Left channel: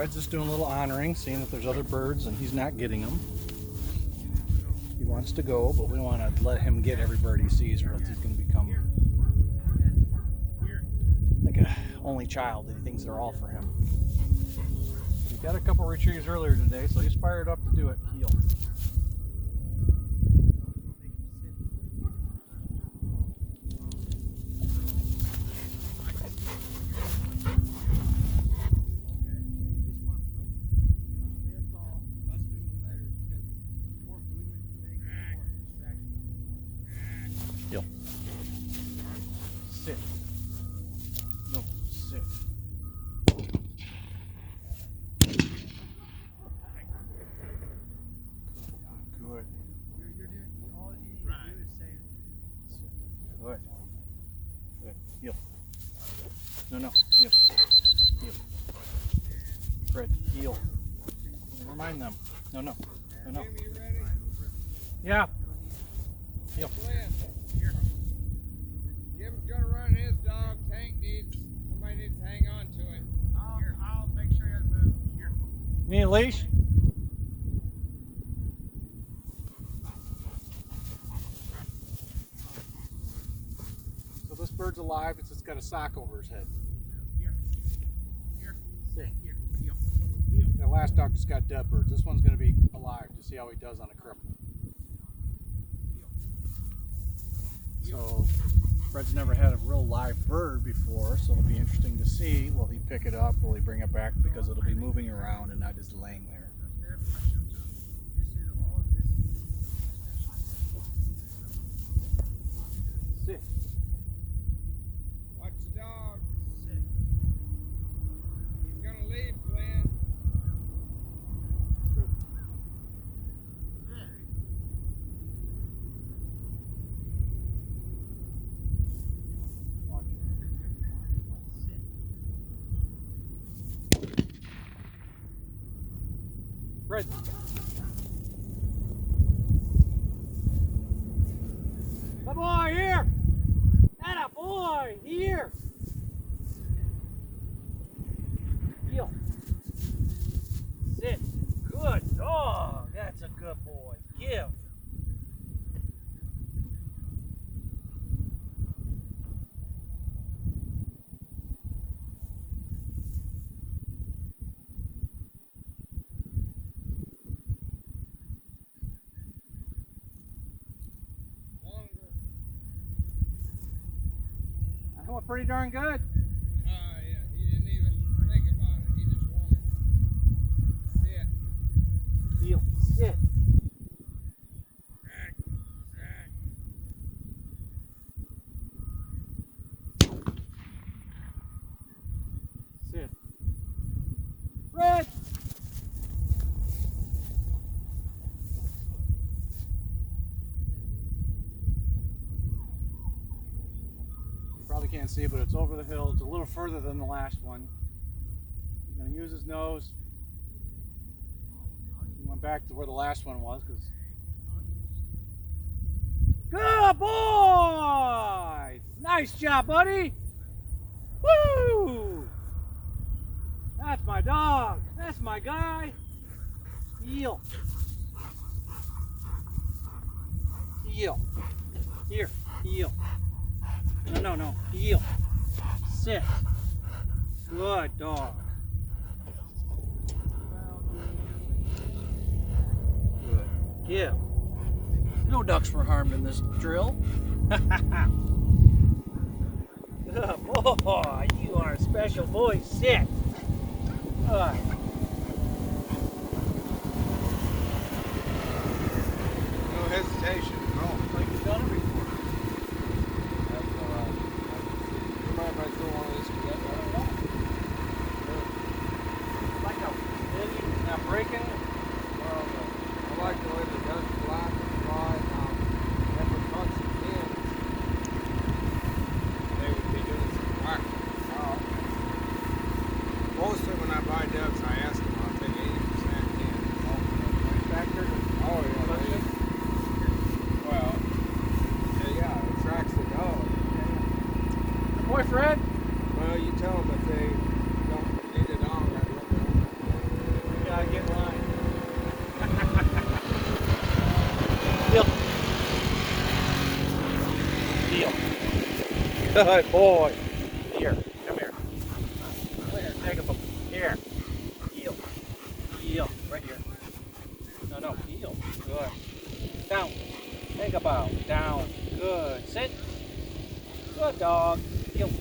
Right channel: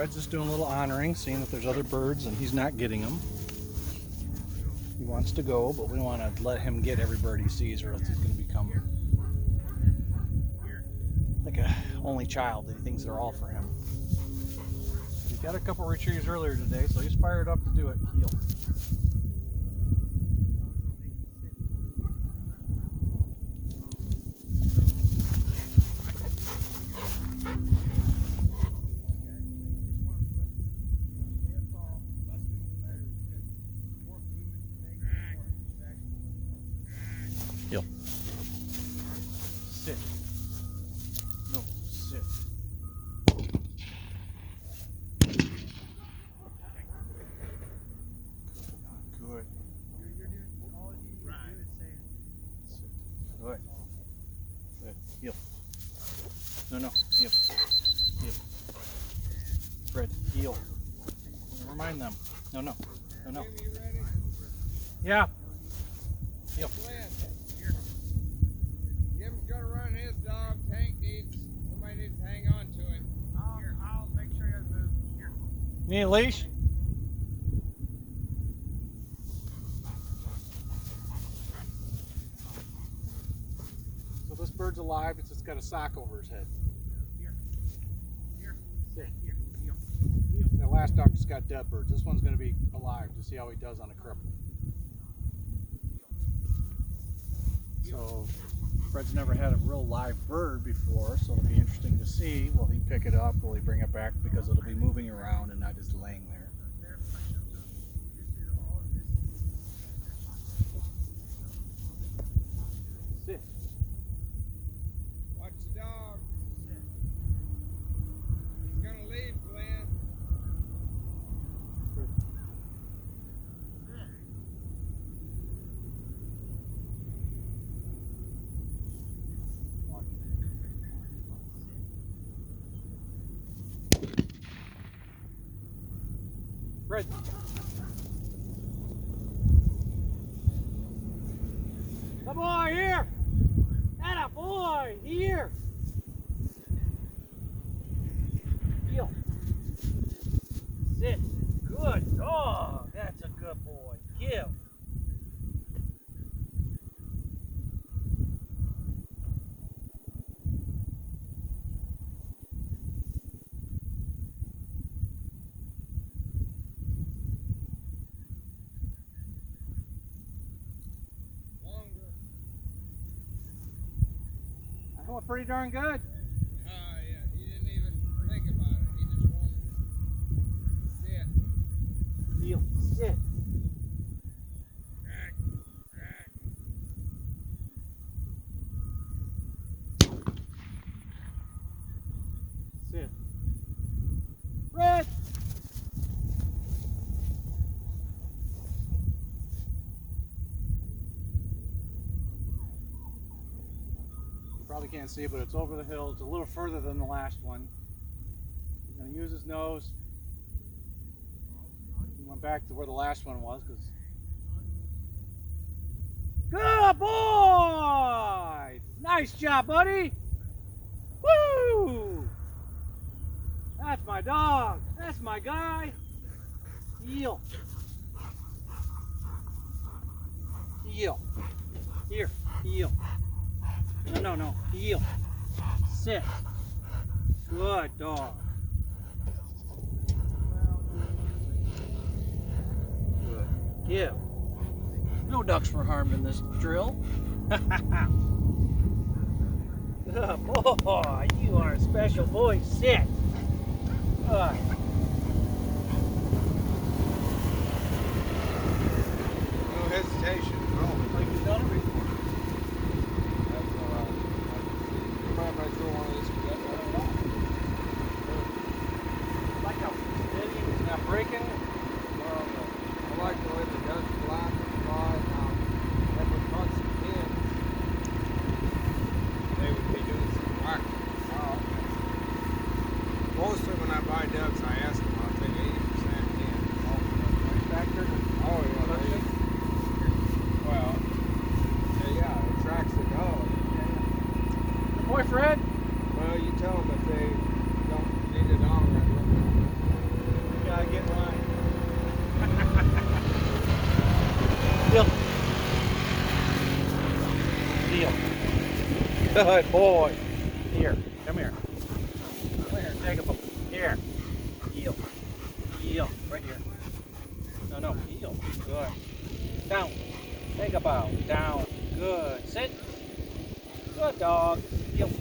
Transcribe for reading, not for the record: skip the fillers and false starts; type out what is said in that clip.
Fred's just doing a little honoring, seeing if there's other birds, and he's not getting them. He wants to go, but we want to let him get every bird he sees, or else he's going to become like a only child that he thinks they're all for him. He got a couple retrieves earlier today, so he's fired up to do it. Heel. Heel. Sit. No, sit. Good. Good. Good. Heel. No. Heel. Heel. Fred, heel. Never mind them. No. Jim, you ready? Yeah. Heel. Glenn, here. Jim's gonna run his dog. Somebody needs to hang on to him. Here, I'll make sure he doesn't move. Here. You need a leash? So this bird's alive. It's just got a sock over his head. Here. Sit. Here. That last dog just got dead birds. This one's going to be alive to see how he does on a cripple. So Fred's never had a real live bird before, so it'll be interesting to see. Will he pick it up? Will he bring it back? Because it'll be moving around and not just laying there. Sit. Watch the dog. He's gonna leave, Glenn. Fred. Watch. Fred. Come on, here! Atta boy, here! Heel. Sit. Good dog. That's a good boy. Give. Longer. That went pretty darn good. Yeah. He didn't even think about it. He just wanted it. Sit. Heel. Sit. Rack. Sit. Fred! You probably can't see it, but it's over the hill. It's a little further than the last one. He's going to use his nose. He went back to where the last one was. Good boy! Nice job, buddy! Woo! That's my dog. That's my guy. Heel. Heel. Here. Heel. No. Heel. Sit. Good dog. Good. Give. No ducks were harmed in this drill. Good boy. You are a special boy. Sit. Good. No hesitation. Oh, like you've done it before. That's all right. You mind if I throw one of this? Like how steady, you're not breaking. Well, I like the way the ducks fly and fly. If it caught some pins, they would be doing some whacking. Oh, okay. Mostly when I buy ducks, I ask them, I'll take 80% in. Noise factor. Oh, yeah. Well, yeah, it attracts the dog. Good boy, Fred. Well, you tell them if they don't need it on, I'd let them. Good boy. Here, come here. Come here, take a book. Here. Heel. Heel. Right here. No, heel. Good. Down. Take a bow. Down. Good. Sit. Good dog. Heel.